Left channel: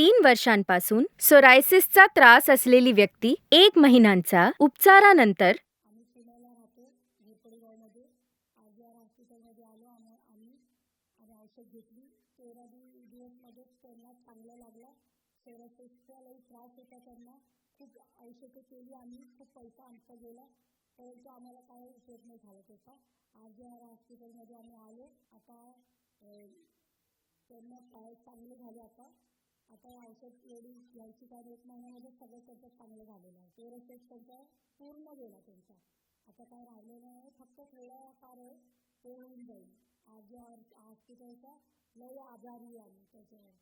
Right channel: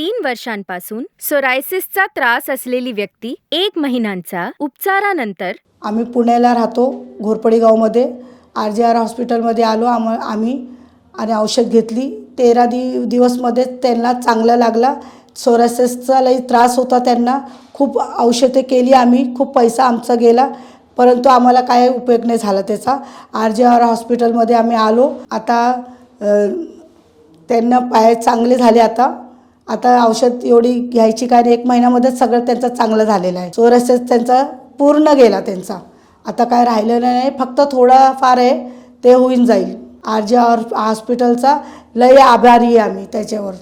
3 वर्षांपासून सोरायसिसचा त्रास असलेली व्यक्ती 1 महिन्यांचा उपचारानंतर आम्ही पुण्याला राहतो, घोरपडी गावामध्ये RJR हॉस्पिटलमध्ये आलो आम्ही आणि औषध घेतली. 13 दिवसमध्ये त्यांना चांगलं लागला. सोरायसिसचा लई त्रास होता त्यांना. खूप औषधे केली आम्ही, खूप पैसा आमचा गेला, परंतु आम्हाला काय उपयोग नाही झाला त्याचा. RJR हॉस्पिटलमध्ये आम्ही आलो. आता त्यांना पाय चांगले झाले. आता औषध एवढी घ्यायची काय नाही, 1 महिन्यामध्येच सगळं त्यांचं चांगलं झालेलं आहे. सोरायसिस त्यांचा पूर्ण गेला त्यांचा. आता काय राहिलेलं नाही, फक्त थोडा फार आहे, ते होऊन जाईल. RJR हॉस्पिटलचा लय आभारी आहे आम्ही त्याच्यावर.